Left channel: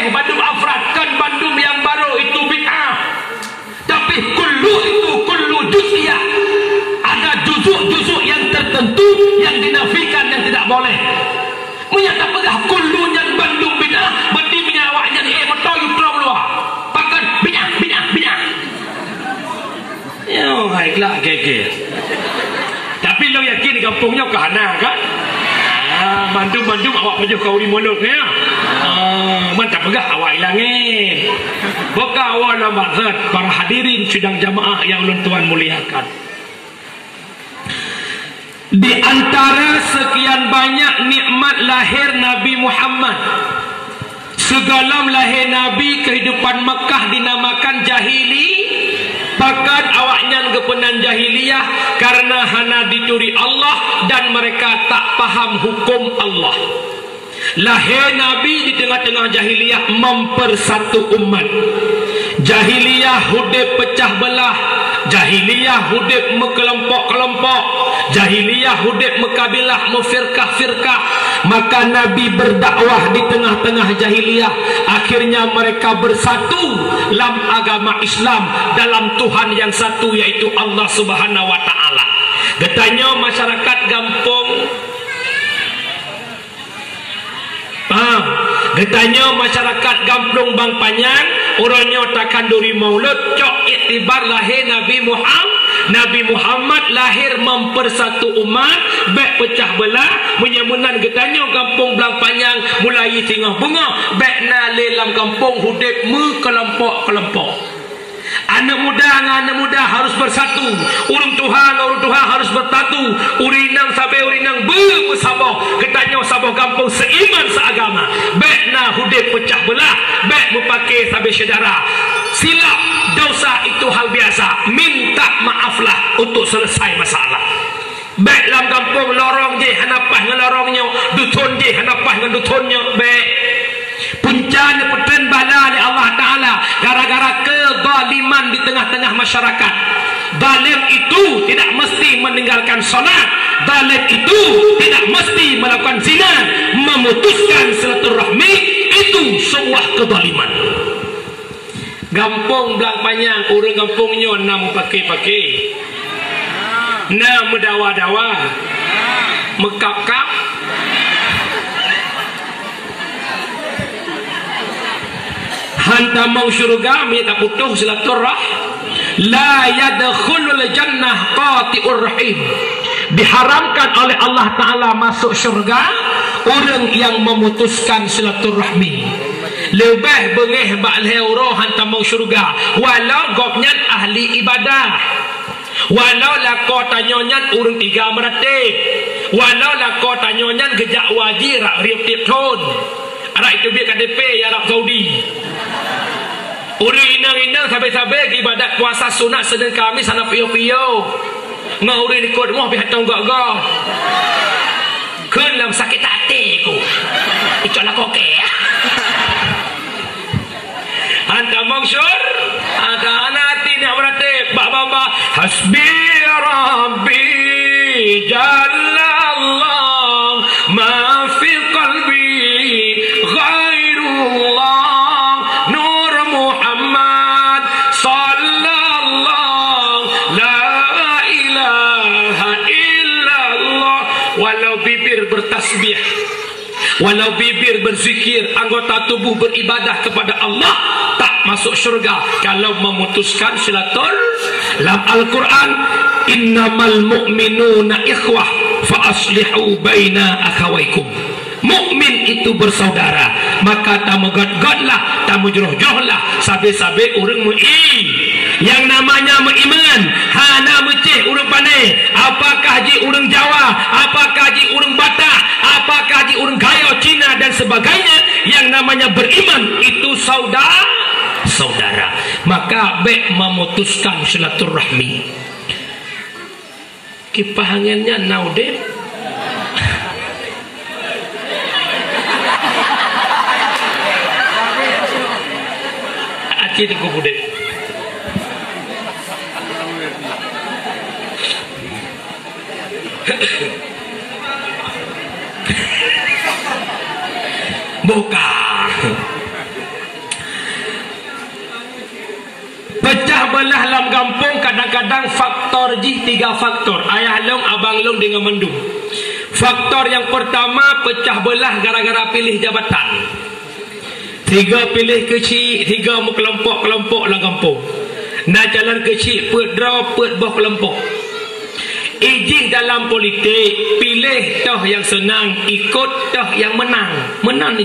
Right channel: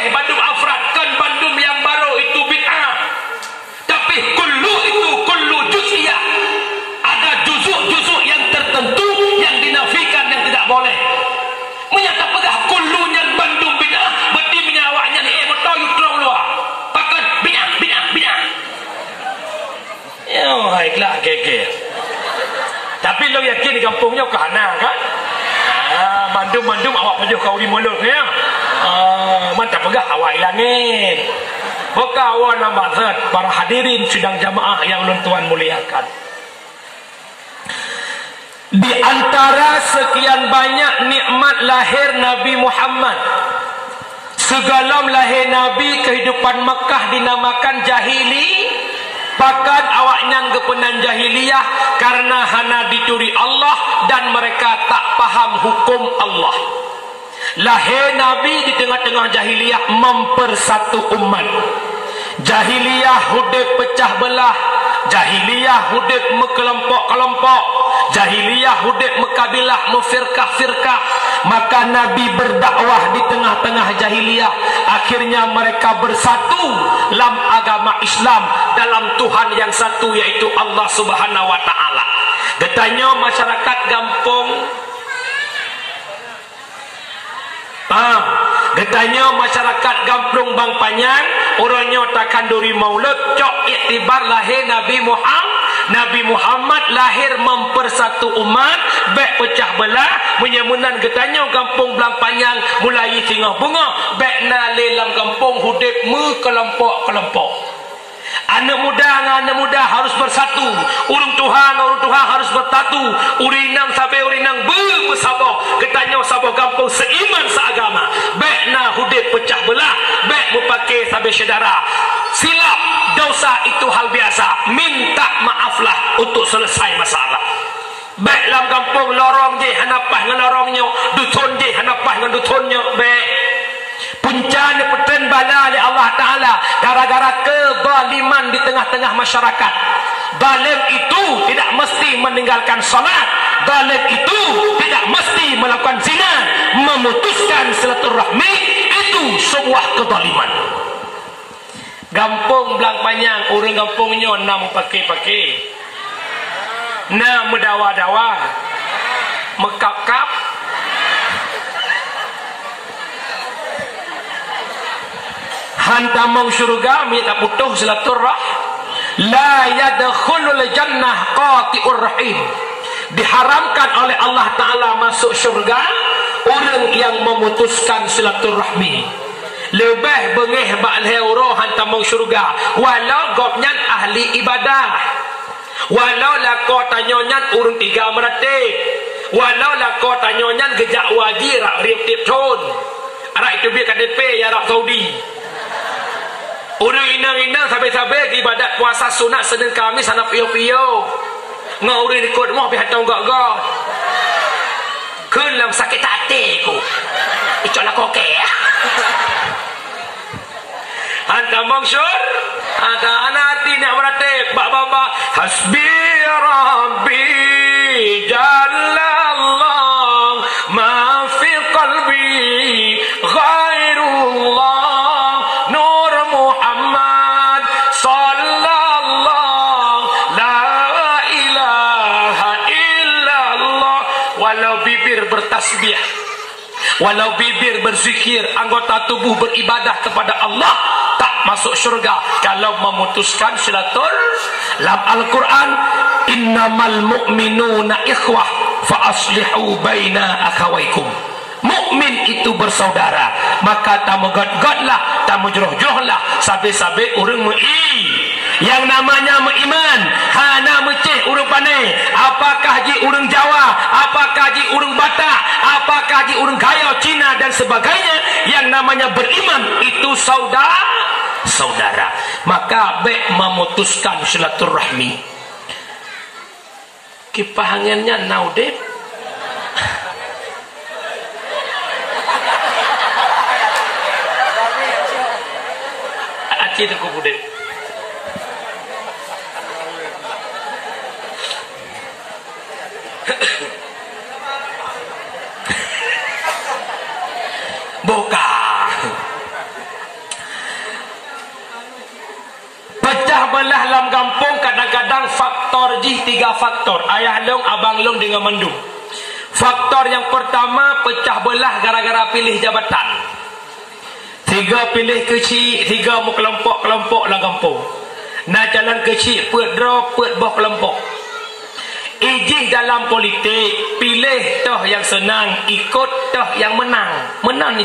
boleh bandum afradkan bandum yang baru itu bid'ah. Tapi kullu itu kullu juz'iyah. Ada juzuk-juzuk yang tertentu yang dinafikan yang tidak boleh. Menyata pedah kullunya bandum bid'ah, berarti mengawaknya betul you terang luar. Bahkan bid'ah. Yo, baiklah keke. Tapi lo yakin di kampungnya kahana kan? Bandum awak pajuh kau di mulut ya. Mantap pegah awak ilangin. Boka awak nama zat para hadirin sidang jamaah yang ulun tuan muliakan. Di antara sekian banyak nikmat lahir Nabi Muhammad, segala lahir Nabi kehidupan Mekah dinamakan jahili. Pakat awaknya kepenan jahiliyah karena hana dituri Allah dan mereka tak paham hukum Allah. Lahir Nabi di tengah-tengah jahiliyah mempersatu umat. Jahiliyah hudib pecah belah, jahiliyah hudib mekelompok-kelompok, jahiliyah hudib mekabilah, mefirkah-firkah. Maka Nabi berdakwah di tengah-tengah jahiliyah. Akhirnya mereka bersatu dalam agama Islam, dalam Tuhan yang satu, yaitu Allah Subhanahu wa ta'ala. Katanya masyarakat kampung, katanya masyarakat kampung Bang Panyang, orangnya takkan duri maulud, cok iktibar lahir Nabi Muhammad lahir mempersatu umat, baik pecah belah, menyamunan getanya kampung Belang Panyang mulai tingah bunga, baik na lelam kampung hudib kelompok-kelompok. Anak muda harus bersatu. Urang Tuhan harus bertatu. Urinang sampai urinang bersabah. Ketanya sabah kampung seiman seagama. Baik na hudib pecah belah, baik mempakai sampai saudara. Silap dosa itu hal biasa. Minta maaflah untuk selesai masalah. Baik dalam kampung lorong je hanapah dengan lorongnya, dutun je hanapah dengan dutunnya. Baik puncana peten bala oleh Allah Ta'ala gara-gara kezaliman di tengah-tengah masyarakat. Zalim itu tidak mesti meninggalkan salat, zalim itu tidak mesti melakukan zina, memutuskan silaturahmi itu sebuah kezaliman. Kampung Belang Panyang, orang kampungnya nam pakai-pakai, nam mendawa-dawa, mekap-kap, hantamong syurga minta putus silaturah. La yadkhulul jannah qati'ur rahim. Diharamkan oleh Allah Ta'ala masuk syurga orang yang memutuskan silaturahmi. Lebih bengih ba'leh uruh hantamong syurga walau gopnya ahli ibadah, walau lako tanyonya urung tiga meratib, walau lako tanyonya gejak wajir riap tipton. Arak itu biar KDP ya Arab Saudi. Orang inang-inang sampai-sampai ibadat puasa sunat Senin Khamis sana piyo-piyo. Ngaurin ikut mau pihak tahu gak-gak. Kelam sakit hati ku. Ucap nak koke ya. Hantar mangsur. Ada anak hati nak berhati. Bak-bak. Hasbi Rabbi Jalallah ma fi qalbi ghairullah. Bertasbih, walau bibir berzikir, anggota tubuh beribadah kepada Allah, tak masuk syurga kalau memutuskan silatul. Dalam Al-Quran, innamal mu'minuna ikhwah fa aslihu baina akhawaikum. Mukmin itu bersaudara, maka tamu god-godlah, tamu jeroh-jerohlah, sabe-sabe urang mu'i. Yang namanya beriman, hana meceh urang pandai. Apakah ji urang Jawa, apakah ji urang Batak, apakah ji urang Gayo, Cina dan sebagainya. Yang namanya beriman itu saudara. Maka baik memutuskan silaturahmi. Kipahangannya naudeh. Aki itu kubudeh. Buka belah dalam kampung kadang-kadang faktor jih 3 faktor. Ayah long, abang long dengan mandung. Faktor yang pertama pecah belah gara-gara pilih jabatan. 3 pilih kecil, 3 mau kelompok-kelompok dalam kampung. Nah jalan kecil, put draw, put boh kelompok. Ijih dalam politik, pilih toh yang senang, ikut toh yang menang. Menang